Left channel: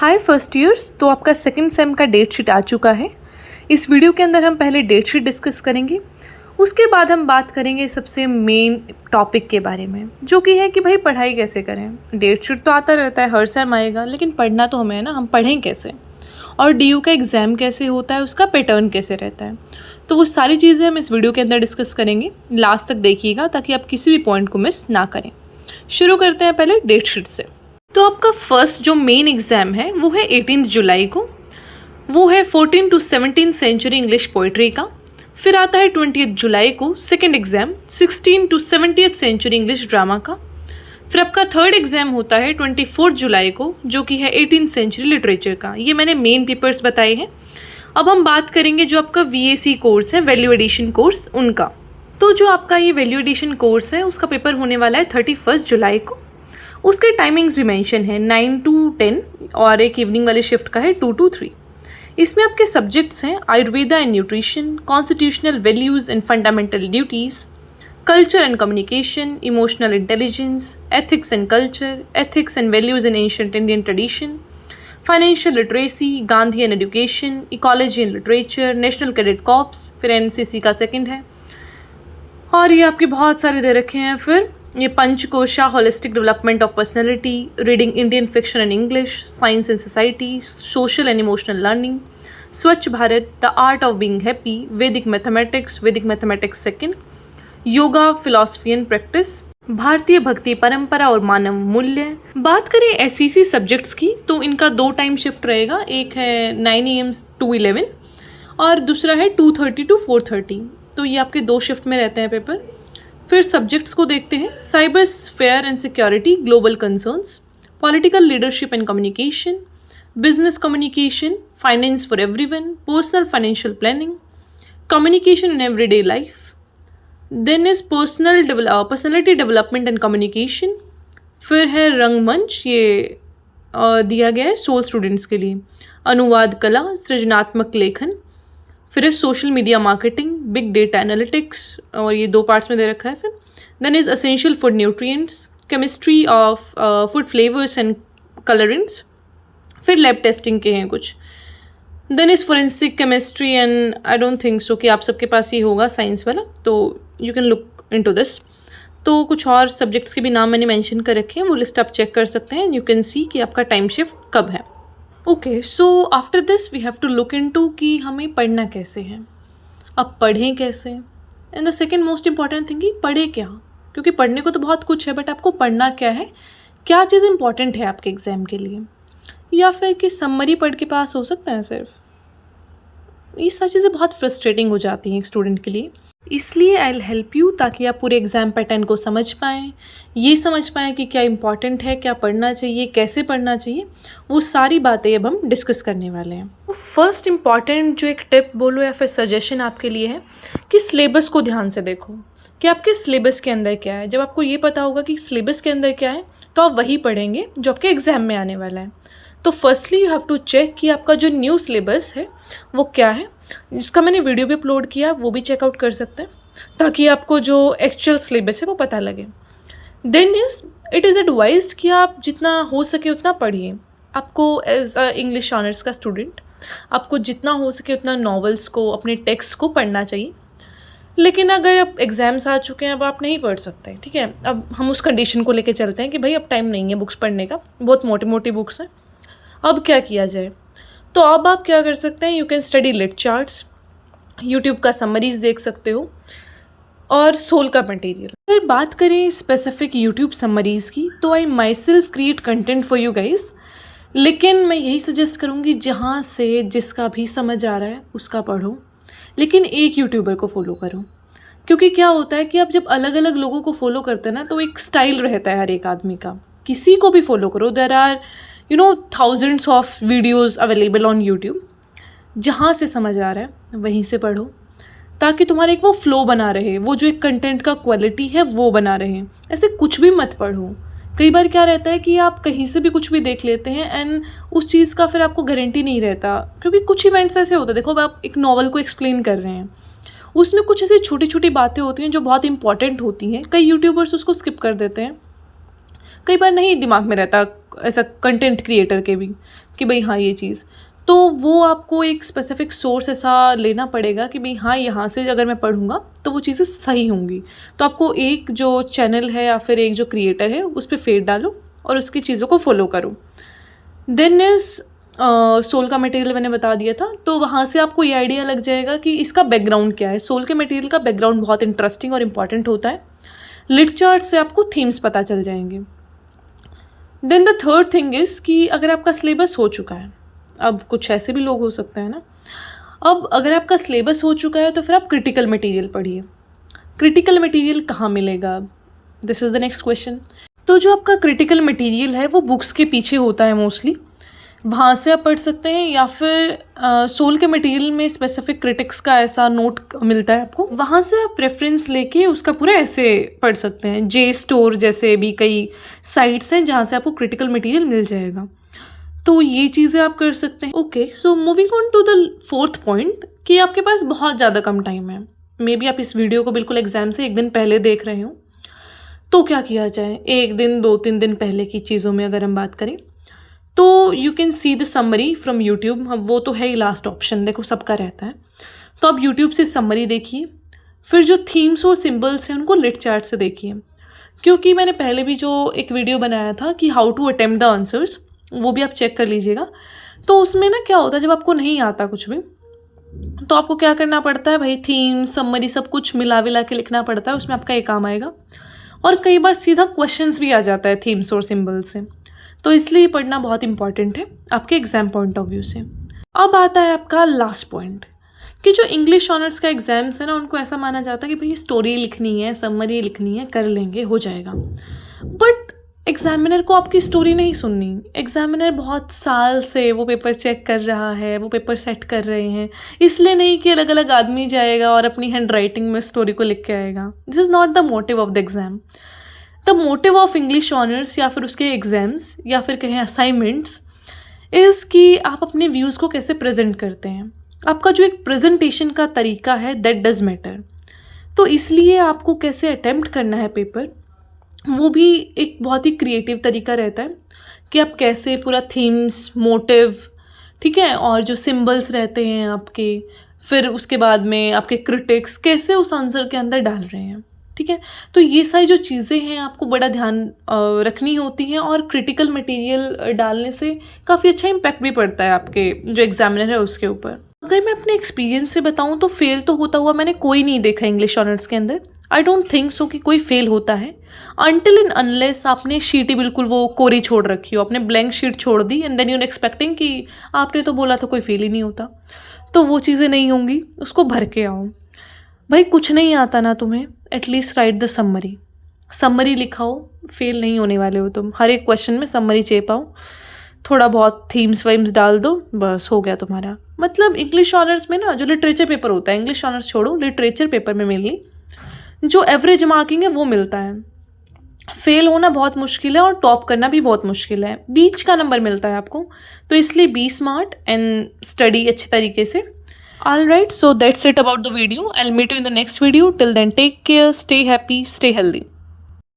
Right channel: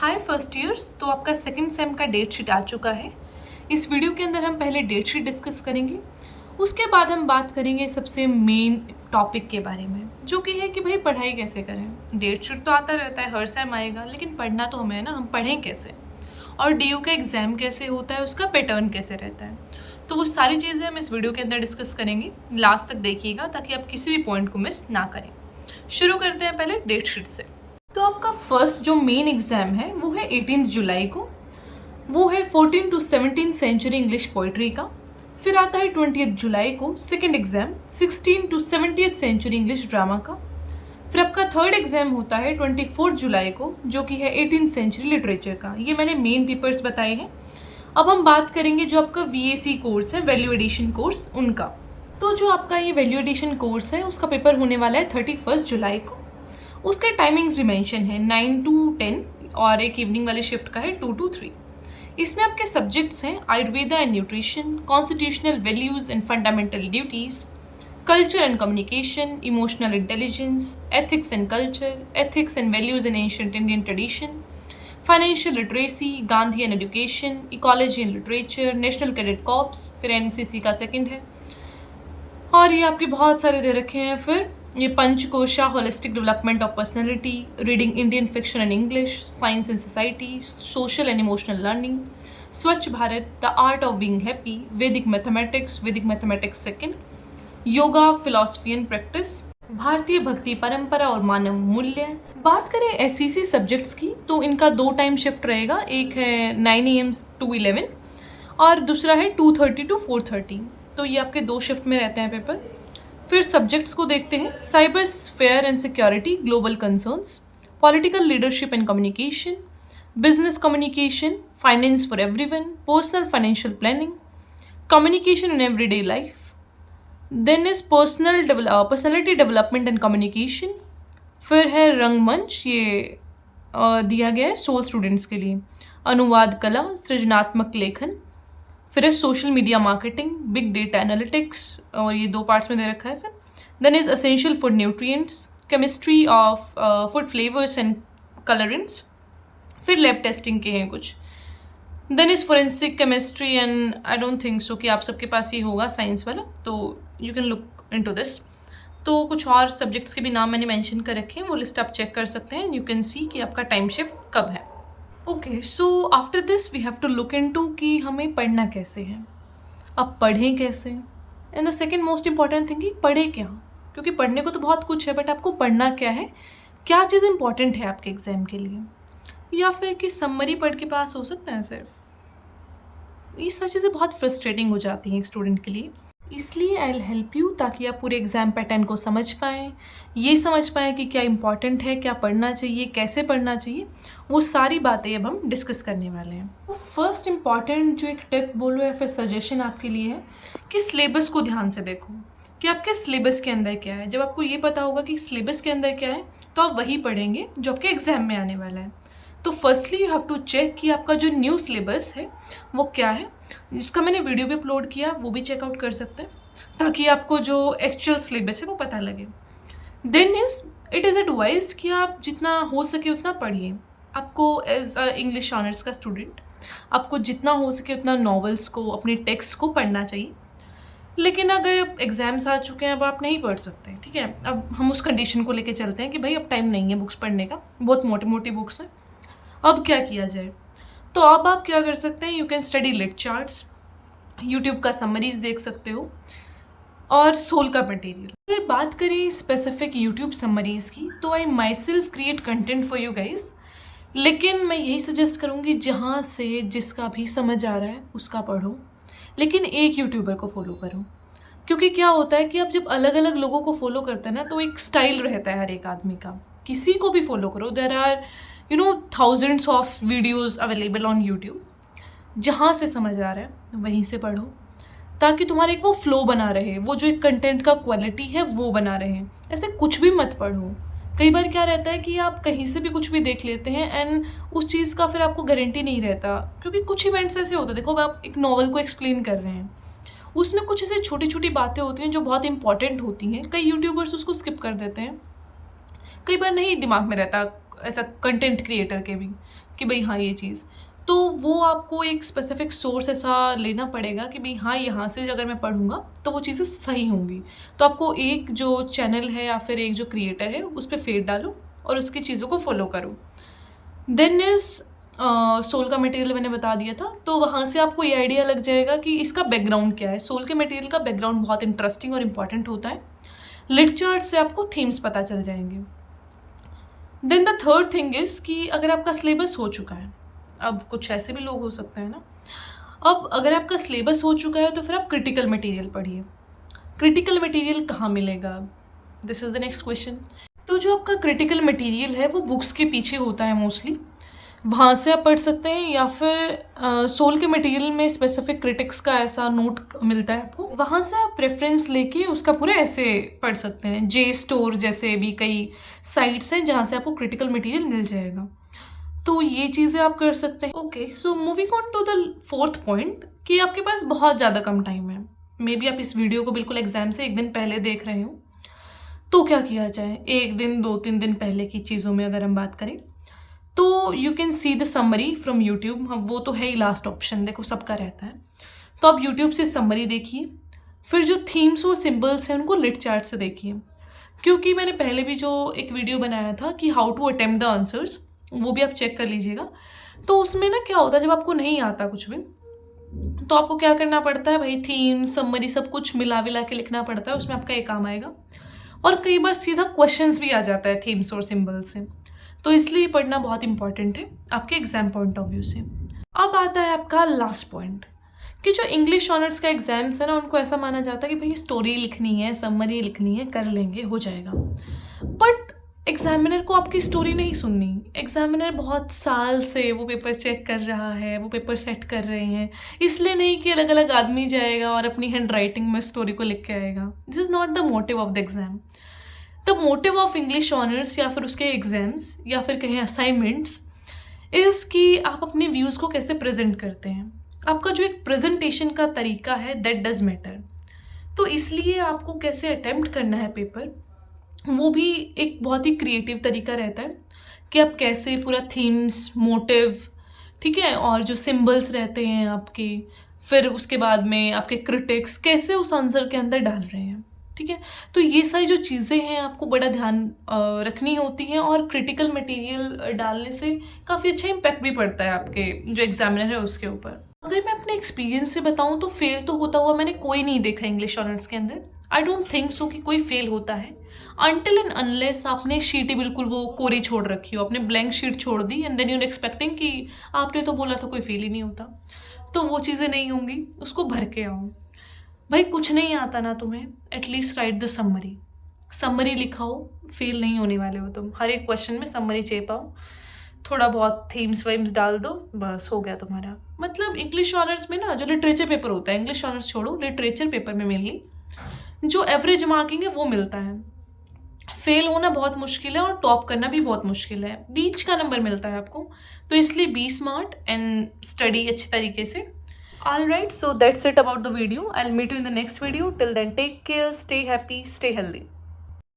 हाय first years. तो आपका second same का डेट शीट आ चुका है। इस वीडियो के अंदर हम पहले डेट शीट डिस्कस करेंगे, उसके बाद हम बात करेंगे सबसे मेन टॉपिक के बारे में, जो कि है कि भाई पढ़ाई कैसे करें। डेट शीट तो आता रहता है, हर सेम आएगा, लेकिन पढ़ना तो हमें है ना, हम पढ़ें कैसे और डीयू का एग्ज़ाम कैसे होता है, उसका पैटर्न कैसे रहता है। तो वो सारी चीज़ें हम इस वीडियो के अंदर डिस्कस करेंगे। लास्ट तक देखिएगा ताकि आप किसी भी पॉइंट को मिस ना करें। शुरू करते हैं पहले डेट शीट से। तो आपका फर्स्ट जो मेन एग्ज़ाम है वो है 18 जुलाई को। वो है 14 to 17 सेंचुरी इंग्लिश पोइट्री का। फिर आता है 20 जुलाई को second exam 16 to 70th century English drama का। फिर आपका थर्ड एग्ज़ाम होता है 24 जुलाई को, जो कि है 18th सेंचुरी लिटरेचर का। ये मैंने मेन पेपर्स बताए हैं। अब हम बात करेंगे जो आपका VAC कोर्स है, वैल्यू एडिशन कोर्स, उनका। तो जो आपका ये वैल्यू एडिशन कोर्स है उसका पेपर होने वाला है 31 जुलाई को। उसके टाइमिंग्स भी मेंशन है 9 to 10 और एक इवनिंग वाली शिफ्ट का है 2 to 3। इसमें आपके सब्जेक्ट्स हैं Ayurveda and nutrition, constitutional values and fundamental duties, culture and communication, emotional intelligence, ethics and culture, ethics and values in ancient Indian tradition, financial literacy, Gandhi and education, ecology and literature, national cadet corps, फिर NCC का second है। और ये आपके बहुत सारे दे रखे हैं। फिर ये Panchakosha, holistic development of personality, reading Indian fiction and English, science and society, social and emotional learning, Swachh Bharat, the art of being happy, Vedic mathematics second, yoga, philosophy and practice, भारतीय भक्ति परंपरा और मानव मूल्य। बात करें SEC सब्जेक्ट्स की तो इनका 2 टाइम शिफ्ट रहेगा, एक है 9 AM to 11 और दूसरा है 2:30 to 4:30। तो ये आपके 2 शिफ्ट में रहते हैं पेपर। फिर सब्जेक्ट्स को देखते हैं। Cyber sphere and security, global concerns, political leadership and communication, business communication, finance for everyone, personal financial planning, communication in everyday life. Then is personality development and communication. फिर है रंगमंच, ये दिया गया है सोल स्टूडेंट्स के लिए, अनुवाद कला, सृजनात्मक लेखन। फिर है social media marketing, big data analytics, और ये 2 पार्ट्स में दे रखा है। फिर then is essential food nutrients, chemistry of food flavours and colourants. फिर लैब टेस्टिंग के हैं कुछ। Then is forensic chemistry and I don't think so कि आप सबके पास ही होगा साइंस वाला, तो you can look into this. तो कुछ और सब्जेक्ट्स के भी नाम मैंने मेंशन कर रखे हैं, वो लिस्ट आप चेक कर सकते हैं। यू कैन सी कि आपका टाइम शिफ्ट कब है। Okay, so after this we have to look into कि हमें पढ़ना कैसे है, अब पढ़ें कैसे। And the second most important thing कि पढ़ें क्या, क्योंकि पढ़ने को तो बहुत कुछ है, बट आपको पढ़ना क्या है, क्या चीज़ इंपॉर्टेंट है आपके एग्ज़ाम के लिए, या फिर कि समरी पढ़ के पास हो सकता है सिर्फ। ये सारी चीज़ें बहुत फ्रस्ट्रेटिंग हो जाती हैं एक स्टूडेंट के लिए। इसलिए आई विल हेल्प यू ताकि आप पूरे एग्ज़ाम पैटर्न को समझ पाएँ, ये समझ पाएँ कि क्या इंपॉर्टेंट है, क्या पढ़ना चाहिए, कैसे पढ़ना चाहिए। वो सारी बातें अब हम डिस्कस करने वाले हैं। तो फर्स्ट इंपॉर्टेंट जो एक टिप बोलो या फिर सजेशन आपके लिए है कि सिलेबस को ध्यान से देखो कि आपके सिलेबस के अंदर क्या है। जब आपको ये पता होगा कि सिलेबस के अंदर क्या है तो आप वही पढ़ेंगे जो आपके एग्ज़ाम में आने वाला है। तो firstly you have to check कि आपका जो न्यू सिलेबस है वो क्या है। इसका मैंने वीडियो भी अपलोड किया, वो भी चेकआउट कर सकते हैं ताकि आपको जो एक्चुअल सिलेबस है वो पता लगे। देन इट इज़ एडवाइज्ड कि आप जितना हो सके उतना पढ़िए। आपको एज अ इंग्लिश ऑनर्स का स्टूडेंट आपको जितना हो सके उतना नॉवेल्स को, अपने टेक्स्ट को पढ़ना चाहिए। लेकिन अगर अब एग्ज़ाम्स आ चुके हैं, अब आप नहीं पढ़ सकते, ठीक है। अब हम उस कंडीशन को लेके चलते हैं कि भाई अब टाइम नहीं है बुक्स पढ़ने का, बहुत मोटी मोटी बुक्स हैं, अब क्या किया जाए। तो अब आप क्या कर सकते हैं, you can study lit charts, YouTube का समरीज़ देख सकते हो, और सोल का मटेरियल। अगर बात करें स्पेसिफिक यूट्यूब समरीज़ की तो I myself create content for you guys. लेकिन मैं यही सजेस्ट करूँगी जहाँ से जिसका भी समझ आ रहा है उसका पढ़ो, लेकिन एक यूट्यूबर को फॉलो करो। क्योंकि क्या होता है कि आप जब अलग अलग लोगों को फॉलो करते हैं ना तो एक स्टाइल रहता है हर एक आदमी का। किसी को भी फॉलो करो, there are thousands of videos available on YouTube. जहाँ से समझ आ रहा है वहीं से पढ़ो ताकि तुम्हारा एक वो फ्लो बना रहे, वो जो एक कंटेंट का क्वालिटी है वो बना रहे। ऐसे कुछ भी मत पढ़ो। कई बार क्या रहता है कि आप कहीं से भी कुछ भी देख लेते हैं एंड उस चीज़ का फिर आपको गारंटी नहीं रहता, क्योंकि कुछ इवेंट्स ऐसे होते हैं। देखो, आप एक नॉवल को एक्सप्लेन कर रहे हैं, उसमें कुछ ऐसी छोटी छोटी बातें होती हैं जो बहुत इंपॉर्टेंट होती हैं। कई यूट्यूबर्स उसको स्किप कर देते हैं। कई बार नहीं दिमाग में रहता ऐसा कंटेंट क्रिएटर के भी कि भाई हाँ ये चीज़, तो वो आपको एक स्पेसिफिक सोर्स ऐसा लेना पड़ेगा कि भाई हाँ यहाँ से अगर मैं पढ़ूँगा तो वो चीज़ें सही होंगी। तो आपको एक जो चैनल है या फिर एक जो क्रिएटर है उस पर फेथ डालो और उसकी चीज़ों को फॉलो करो। देन इज़ सोल का मटेरियल मैंने बता दिया था, तो वहाँ से आपको ये आइडिया लग जाएगा कि इसका बैकग्राउंड क्या है। सोल के मटेरियल का बैकग्राउंड बहुत इंटरेस्टिंग और इम्पॉर्टेंट होता है। लिट चार्ट से आपको थीम्स पता चल जाएंगे। Then the third thing is कि अगर आपका सिलेबस हो चुका है, अब कुछ ऐसे भी लोग हो सकते हैं ना, अब अगर आपका सिलेबस हो चुका है तो फिर आप क्रिटिकल मटेरियल पढ़िए। क्रिटिकल मटेरियल कहाँ मिलेगा? This is the next question. तो जो आपका क्रिटिकल मटेरियल है वो बुक्स के पीछे होता है मोस्टली, वहाँ से आप पढ़ सकते हैं, या फिर सोल के मटेरियल में स्पेसिफिक क्रिटिक्स का ऐसा नोट मिलता है आपको, वहाँ से आप रेफरेंस लेके उसका पूरा ऐसे पढ़ सकते हैं। जे स्टोर जैसे भी कई साइट्स हैं जहाँ से आपको क्रिटिकल मटेरियल मिल जाएगा, तो ये चीज़ें आप कर सकते हैं। Okay, so moving on to the fourth point कि आपके पास बहुत ज़्यादा कम टाइम है। मे बी आप इस वीडियो को बिल्कुल एग्जाम से एक दिन पहले देख रहे हो, तो क्या किया जाए? एक दिन 2-3 दिन पहले की चीज़ों में अगर हम बात करें तो you can see the summary from YouTube. वो तो है ही लास्ट ऑप्शन, देखो सबका रहता है, तो आप यूट्यूब से समरी देखिए। फिर जो थीम्स और सिंबल्स हैं उनको लिट चार्ट से देखिए, क्योंकि मैंने पहले भी जो एक वीडियो बनाया था कि how to attempt the answers, वो भी आप चेक कर लीजिएगा। तो उसमें ना क्या होता है, जब आपको नहीं आता कुछ भी तो आपको क्या करना पड़ता है भाई, थीम समरी सब कुछ मिला विला के लिखना पड़ता है, उसमें आपका ये काम आएगा। और कई बार सीधा क्वेश्चंस भी आ जाता है थीम्स और सिंबल्स से, तो इसलिए पढ़ना बहुत इंपॉर्टेंट है आपके एग्जाम पॉइंट ऑफ व्यू से। अब आता है आपका लास्ट पॉइंट कि जो इंग्लिश ऑनर्स का एग्जाम्स है ना, उनको ऐसा माना जाता है कि भाई स्टोरी लिखनी है, समरी लिखनी है, कर लेंगे हो जाएगा। बट एग्जामिनर को आपकी स्टोरी नहीं सुननी। एग्जामिनर बहुत साल से वो पेपर चेक कर रहा है, वो पेपर सेट कर रहे हैं, इसलिए नहीं कि अलग अलग आदमी जाएगा और अपनी हैंड राइटिंग में स्टोरी को लिख के आएगा। This is not the motive of the exam. The motive of English honours या फिर उसके एग्ज़ाम्स या फिर कहें असाइनमेंट्स इज़ कि आप अपने व्यूज़ को कैसे प्रेजेंट करते हैं। आपका जो एक प्रेजेंटेशन का तरीका है दैट डज मैटर। तो इसलिए आपको कैसे अटेम्प्ट करना है पेपर, वो भी एक बहुत ही क्रिएटिव तरीका रहता है कि आप कैसे पूरा थीम्स, मोटिव, ठीक है, और जो सिंबल्स रहते हैं आपके, फिर उसके बाद में आपके क्रिटिक्स कैसे उस आंसर के अंदर डाल रहे हैं, ठीक है। तो ये सारी जो चीज़ें हैं आपको बड़ा ध्यान रखनी होती हैं, और क्रिटिकल मटेरियल डालने से काफ़ी अच्छा इम्पैक्ट भी पड़ता है आपके जो एग्जामिनर है उसके ऊपर। अगर मैं अपने एक्सपीरियंस से बताऊं तो फेल तो होता हुआ मैंने कोई नहीं देखा इंग्लिश ऑनर्स के अंदर। आई डोंट थिंक सो कि कोई फेल होता है अनटिल एंड अनलेस आपने शीट ही बिल्कुल वो कोरी छोड़ रखी हो, आपने ब्लैंक शीट छोड़ दी एंड देन यूर एक्सपेक्टिंग कि आपने तो बोला था कोई फेल ही नहीं होता, तो वो चीज़ें नहीं होंगी, उसको भर के आओ। भाई कुछ नहीं आता ना तुम्हें, at least write the summary. Summary लिखाओ, फेल नहीं होने वाले हो तुम। हर एक क्वेश्चन में समरी चेपाओ, थोड़ा बहुत थीम्स वाइम्स डाल दो, बस हो गया तुम्हारा। मतलब इंग्लिश ऑनर्स में ना जो लिटरेचर पेपर होता है, इंग्लिश ऑनर्स छोड़ो, लिटरेचर पेपर में मेनली जो एवरेज मार्किंग है वो मिलता है। फेल होना बहुत मुश्किल है और टॉप करना भी बहुत मुश्किल है, बीच का नंबर मिलता है आपको। तो इसलिए बी स्मार्ट एंड स्टडी अच्छे तरीके से। All right, so that's it about the video. I will meet you in the next video. Till then take care, stay happy, stay healthy.